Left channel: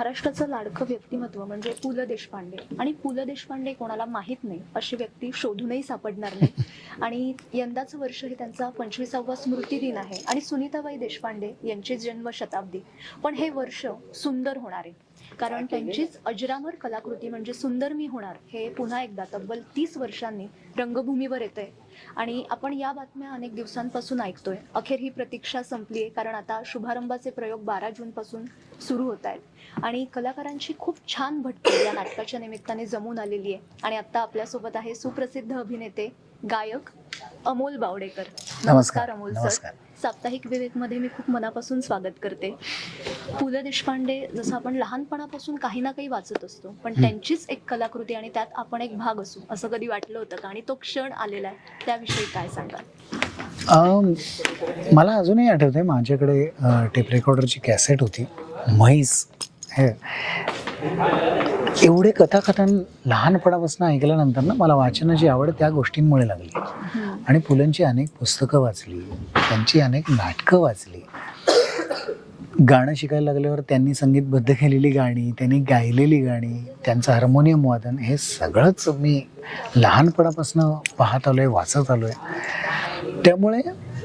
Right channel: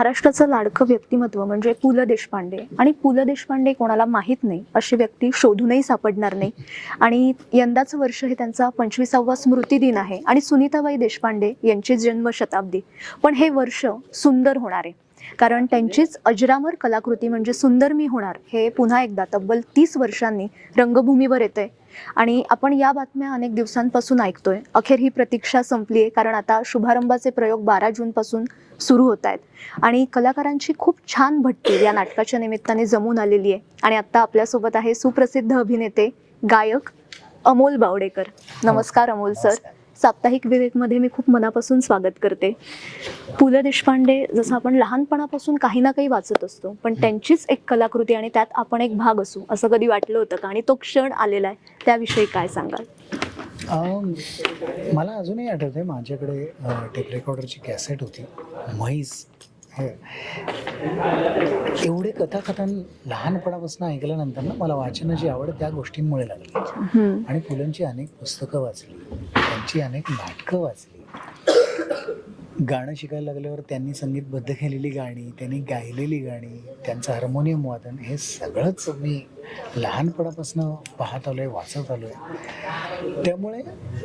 महाराष्ट्राचं लाडकं व्यक्तिमत्व म्हणजे पु ल देशपांडे. आणि पु ल देशपांडे कोणाला माहीत नाही अशी व्यक्ती शोधूनही सापडणार नाही. आणि यंदाचं वर्ष हे त्यांचा पंचवीसावा स्मृती दिन आहे. आणि सुनीताबाई देशपांडे यांची जन्मशताब्दी. पण हे वर्ष सुंदर होणार आहे. कारण त्यांचीच अजरामर कलाकृती म्हणजे सुंदर मी होणार हे पुन्हा एकदा तब्बल तीस वर्षांनी रंगभूमीवर येते आणि आपण या बातम्या अनेक दिवसांपासून ऐकतोय. अखेर ही प्रतीक्षा संपली आहे कारण आता शुभारंभाचे प्रयोग बारा जून पासून सुरू होत आहेत आणि कलाकारांची खूप छान भट्टी या नाटकाच्या निमित्ताने जमून आलेली आहे आणि आता आपल्यासोबत आहे सुप्रसिद्ध अभिनेते गायक अमोल बावडेकर. नमस्कार अमोल सर. साप्ताहिक विवेकमध्ये मी खूप मनापासून स्वागत करते. पु ल देशपांडे जसं आपण लहानपणापासून काही ना काही वाचत असतो पण त्यांचीच एक कलाकृती आणि त्यात आपण एक भाग असू असं कधी वाटलं होतं का? आणि तो क्षण आलेला आहे त्याविषयी काय सांगाल? मला अजूनही आठवते माझ्याकडे टेप रेकॉर्डरची कॅसेट होती म्हैस. एवढे कथाकथन लहानपणापासून ऐकल्यानंतर ना मला वाचनाची आवड त्या गोष्टींमुळे लागली. आणि पुलंची अनेक पुस्तकं वाचली त्यांची अनेक नाटकं वाचली. गाणं शिकायला लागल्यावर त्यांनी संगीतबद्ध केलेली गाणी त्यांनी गायलेली गाणी त्यांचं हार्मोनियम वादन हे सगळंच मी लहानपणापासून पाहत आलोय वाचत आलोय. त्यामुळे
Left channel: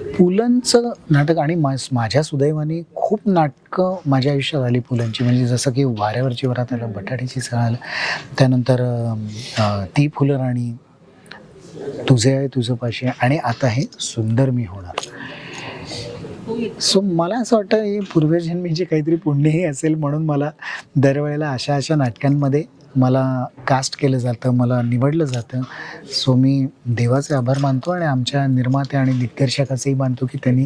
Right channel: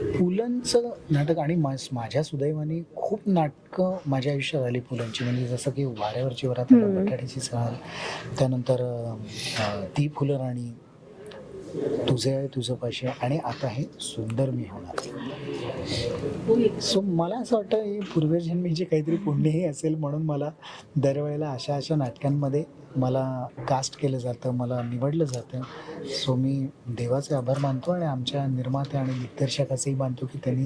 पुलंचं नाटक आणि माझ्या सुदैवाने खूप नाटकं माझ्या आयुष्यात आली पुलंची म्हणजे जसं की वाऱ्यावरची वरात आलं. बटाट्याची चाल त्यानंतर ती फुलं राणी तुझे आहे तुझं पाशी आहे आणि आता हे सुंदर मी होणार सो मला असं वाटतं हे पूर्वजन्मीचे काहीतरी पुण्यही असेल म्हणून मला दरवेळेला अशा अशा नाटकांमध्ये मला कास्ट केलं जातं मला निवडलं जातं. सो मी देवाचे आभार मानतो आणि आमच्या निर्माते आणि दिग्दर्शकाचेही मानतो की त्यांनी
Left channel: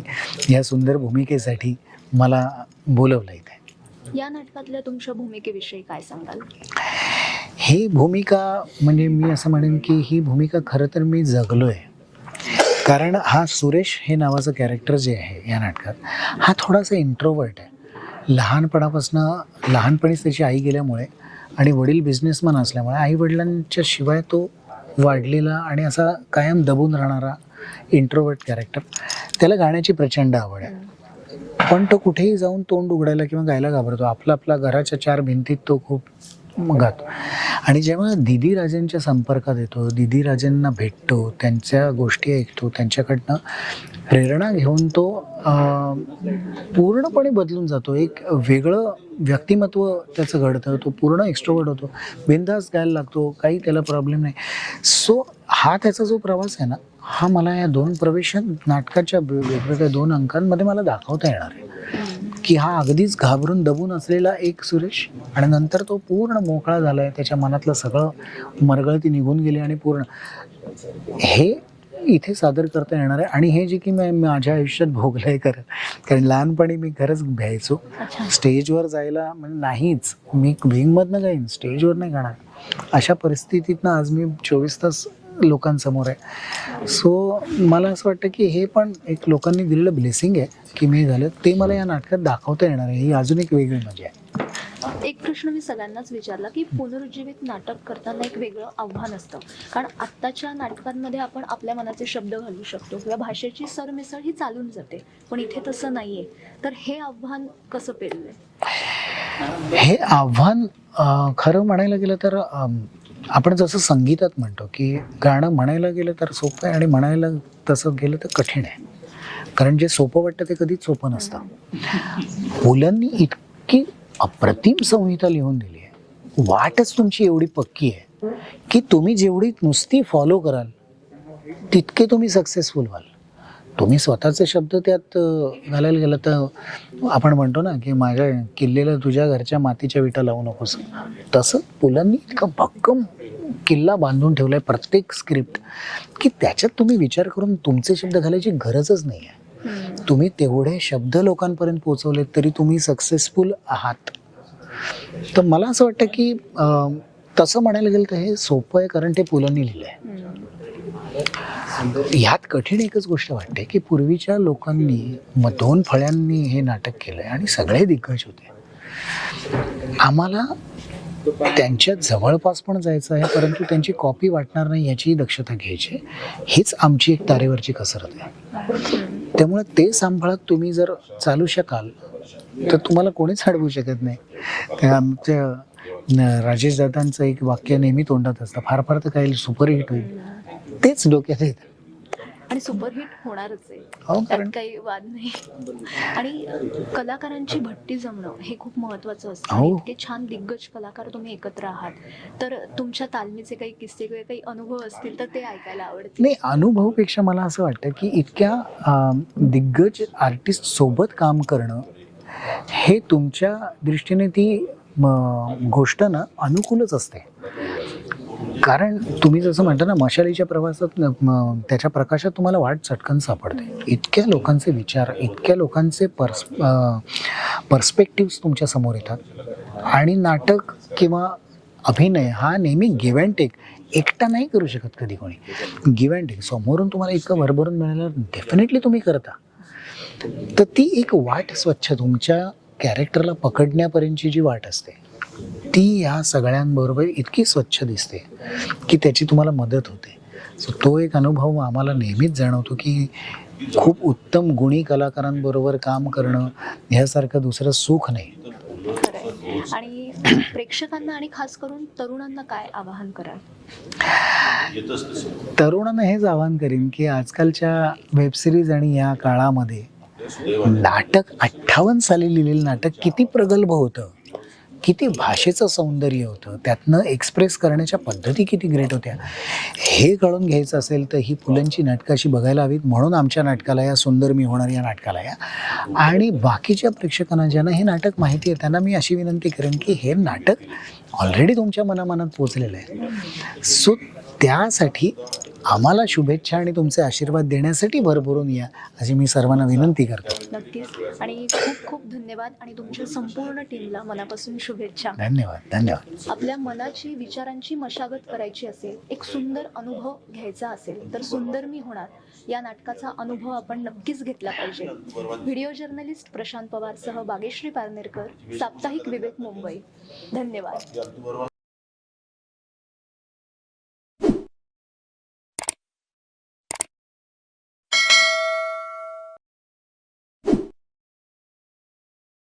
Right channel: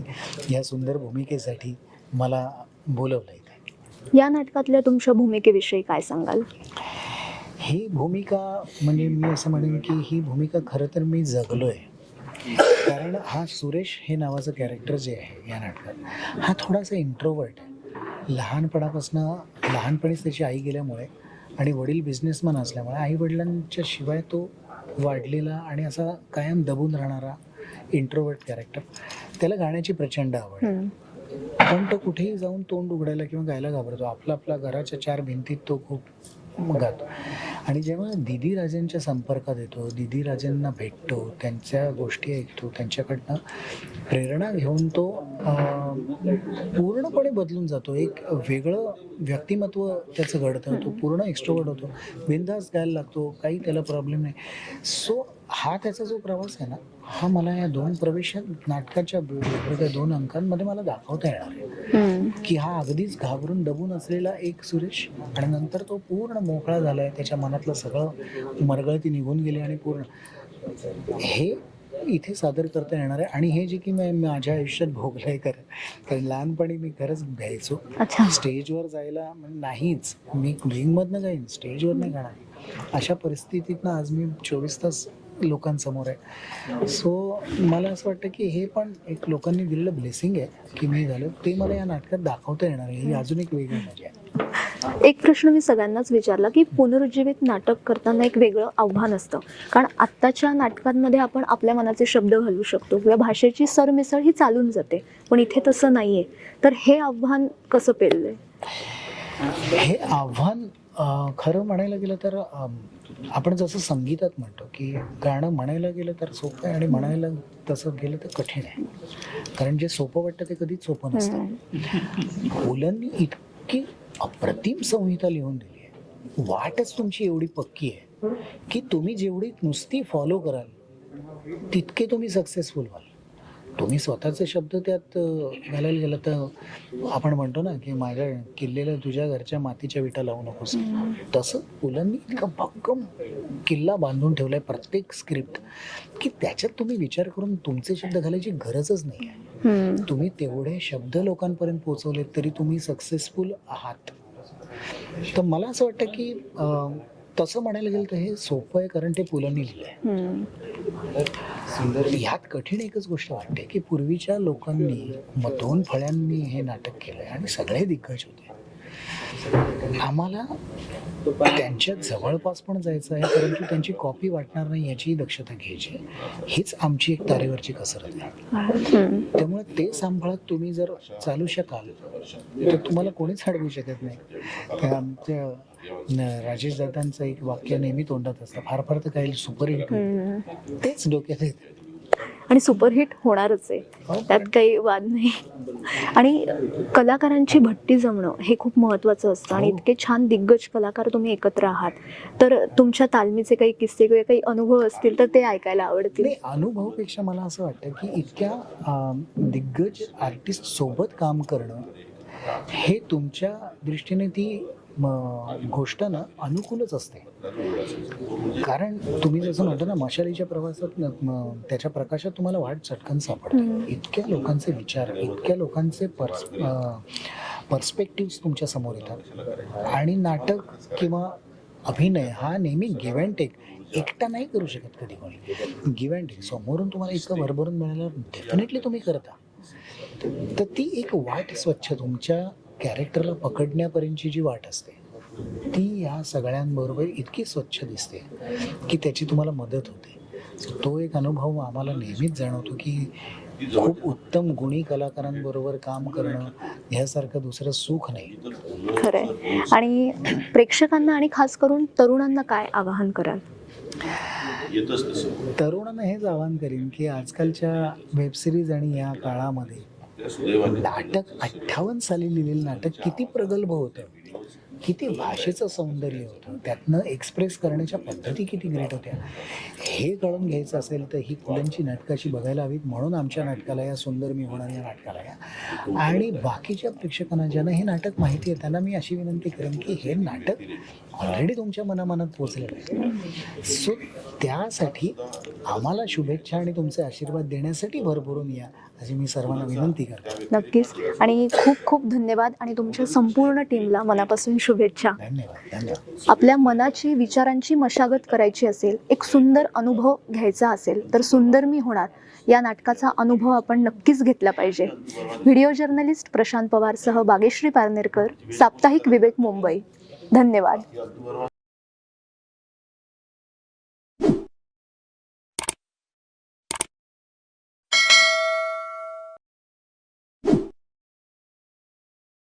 या सुंदर भूमिकेसाठी मला बोलवलं इथे. या नाटकातल्या तुमच्या भूमिकेविषयी काय सांगाल? ही भूमिका म्हणजे मी असं म्हणेन की ही भूमिका खरं तर मी जगलो आहे कारण हा सुरेश हे नावाचं कॅरेक्टर जे आहे या नाटकात हा थोडासा इंट्रोवर्ट आहे. लहानपणापासून लहानपणीच त्याची आई गेल्यामुळे आणि वडील बिझनेसमॅन असल्यामुळे आई वडिलांच्या शिवाय तो वाढलेला आणि असा कायम दबून राहणारा इंट्रोवर्ट कॅरेक्टर त्याला गाण्याची प्रचंड आवड आहे. पण तो कुठेही जाऊन तोंड उघडायला किंवा गायला घाबरतो आपला आपला घराच्या चार भिंतीत तो खूप गातो आणि जेव्हा दिदी राजांच्या संपर्कात येतो दिदी राजांना भेटतो त्यांच्या गोष्टी ऐकतो त्यांच्याकडनं प्रेरणा घेऊन तो पूर्णपणे बदलून जातो. एक वेगळं व्यक्तिमत्व त्याचं घडतं तो पूर्ण एक्स्ट्रोवर्ट होतो. बिंदास गायला लागतो काही त्याला प्रॉब्लेम नाही. सो हा त्याचा जो प्रवास आहे ना हा मला या दोन प्रवेशात नाटकाच्या वेगवेगळ्या दोन अंकांमध्ये मला दाखवता येणार आहे. की हा अगदीच घाबरून दबून असलेला एक सुरेश आणि नंतर तो पूर्ण मोकळा झालाय त्याच्या मनातलं सगळं मरगळती निघून गेली आणि पूर्ण. हे इथे सादर करता येणार आहे आणि हे जे की मी माझ्या आयुष्यात भोगलंय खरं कारण लहानपणी मी खरंच भ्यायचो स्टेजवर जायला म्हणजे नाहीच. मी विंगमधनं जाईन स्टेजवर नाही गाणार अशा परिस्थितीतनं आज मी चोवीस तास लोकांसमोर आहे. सो मला असं वाटतं की हे पण एक लोकांनी दिलेलं ब्लेसिंग आहे की मी झालं. ते मला या नाटकात दाखवता येणार आहे. ही अजून एक वेगळी मजा आहे. एक प्रश्न मी सगळ्यांनाच विचारला की पुनरुज्जीवित नाटक करताना एक वेगळं आव्हान असतं. कारण आत्ताच्या नाटकांमध्ये आपण आपल्या मनाचे शब्द घालू शकतो किंवा भाषेची सरमिसळ ही चालून जाते. पण इथे तसं नाहीये. तर हे आव्हान कसं पेललंय? हे आव्हान खरं म्हणायला गेलं तर आपण जसं संगीतात म्हणतो की गाणं म्हणायला गेलं तर सोपं आहे आणि म्हणायला तसं गेलं तर कठीण आहे. कारण जे सोपं वाटतं ते कधीच सोपं नसतं. मुलांनी इतकी अप्रतिम संहिता लिहून दिली आहे. वाटच तुमची एवढी पक्की आहे की तुम्ही जेवढी नुसती फॉलो कराल तितके तुम्ही सक्सेसफुल व्हाल. तुम्ही स्वतःचे शब्द त्यात घालायला गेलं तर आपण म्हणतो ना की माझ्या किल्लेला तुझ्या घरच्या मातीच्या विटा लावू नकोस. तसं पुलांनी इतकं भक्कम किल्ला बांधून ठेवलाय प्रत्येक स्क्रिप्ट की त्याच्यात तुम्ही विचार करून तुमचे शब्द घालायची गरजच नाही आहे. तुम्ही तेवढे शब्द लोकांपर्यंत पोहोचवलेत तरी तुम्ही सक्सेसफुल आहात. तर मला असं वाटतं की तसं म्हणायला गेलं तर हे सोपं आहे कारण ते पुलांनी लिहिलं आहे. ह्यात कठीण एकच गोष्ट वाटते की पूर्वीच्या लोकांनी मग दोन फळ्यांनी हे नाटक केलंय आणि सगळे दिग्गज होते आम्हाला त्यांच्या जवळपास पण जायचं आहे परंतु त्यांची कॉपी वाटणार नाही याचीही दक्षता घ्यायची. हीच आमची एक तारेवरची कसरत आहे. त्यामुळे ते सांभाळत तुम्ही जर चालू शकाल तर तुम्हाला कोणीच अडवू शकत नाही आमच्या राजेश दादांचं एक वाक्य नेहमी तोंडात असतं. फार फार तर काही सुपरहिट होईल. तेच डोक्यात येतं आणि सुपरहिट होणारच आहे. हो, त्यात काही वाद नाही. आणि कलाकारांची भट्टी जमणं हे खूप महत्वाचं असतं. आणि हो. इतके छान दिग्गज कलाकार तुम्ही एकत्र आहात. तर तुमच्या तालमीचे काही किस्से किंवा काही अनुभव असतील तर ते ऐकायला आवडतील. नाही अनुभवपेक्षा मला असं वाटतं की इतक्या दिग्गज आर्टिस्ट सोबत काम करणं हे तुमच्या दृष्टीने ती गोष्ट ना अनुकूलच असते. कारण तुम्ही जसं म्हणता ना मशालीच्या प्रवासात त्याच्या प्रकाशात तुम्हाला वाट चटकन सापडते. इतक्या लोकांचे विचार इतक्या लोकांचे पर्स पर्स्पेक्टिव्स तुमच्यासमोर येतात. आणि नाटक किंवा अभिनय हा नेहमी गिव्ह अँड टेक एकटा नाही करू शकत कधी कोणी. गिव्ह अँड टेक समोरून तुम्हाला इतकं भरभरून मिळालं डेफिनेटली तुम्ही करता. तर ती एक वाट स्वच्छ तुमच्या कॅरेक्टरला पकडण्यापर्यंतची जी वाट असते ती ह्या सगळ्यांबरोबर इतकी स्वच्छ दिसते की त्याची तुम्हाला मदत होते. सो तो एक अनुभव आम्हाला नेहमीच जाणवतो की खूप उत्तम गुणी कलाकारांबरोबर काम करणं ह्यासारखं दुसरं सुख नाही. खरंय. आणि प्रेक्षकांना आणि खास करून तरुणांना काय आवाहन कराल? तरुणांना हेच आवाहन करीन की आजकालच्या वेबसिरीज आणि या काळामध्ये नाटक अठ्ठावन्न साली लिहिलेलं नाटक किती प्रगल्भ होतं? किती भाषेचं सौंदर्य होतं? त्यातनं एक्सप्रेस करण्याच्या पद्धती किती ग्रेट होत्या? हे कळून घ्यायचं असेल तर ही पुलंची नाटकं अशी बघायला हवीत. म्हणून आमच्या नाटकाला या सुंदर मी होणार या नाटकाला या आणि बाकीच्या प्रेक्षकांना ज्यांना हे नाटक माहिती आहे त्यांना मी अशी विनंती करेन की हे नाटक ऑलरेडी तुमच्या मनामनात पोचलेलं आहे. सो त्यासाठी आम्हाला शुभेच्छा आणि तुमचे आशीर्वाद देण्यासाठी भरभरून या अशी मी सर्वांना विनंती करतो. नक्कीच. आणि खूप खूप धन्यवाद आणि तुमच्या संपूर्ण टीमला मनापासून शुभेच्छा. धन्यवाद धन्यवाद. आपल्या मनाची विचारांची मशागत करायची असेल एक सुंदर अनुभव घ्यायचा असेल तर सुंदर मी होणार. या नाटकाचा अनुभव आपण नक्कीच घेतला पाहिजे. व्हिडिओ जर्नलिस्ट प्रशांत पवारसह बागेश्री पारनेरकर साप्ताहिक विवेक मुंबई. धन्यवाद.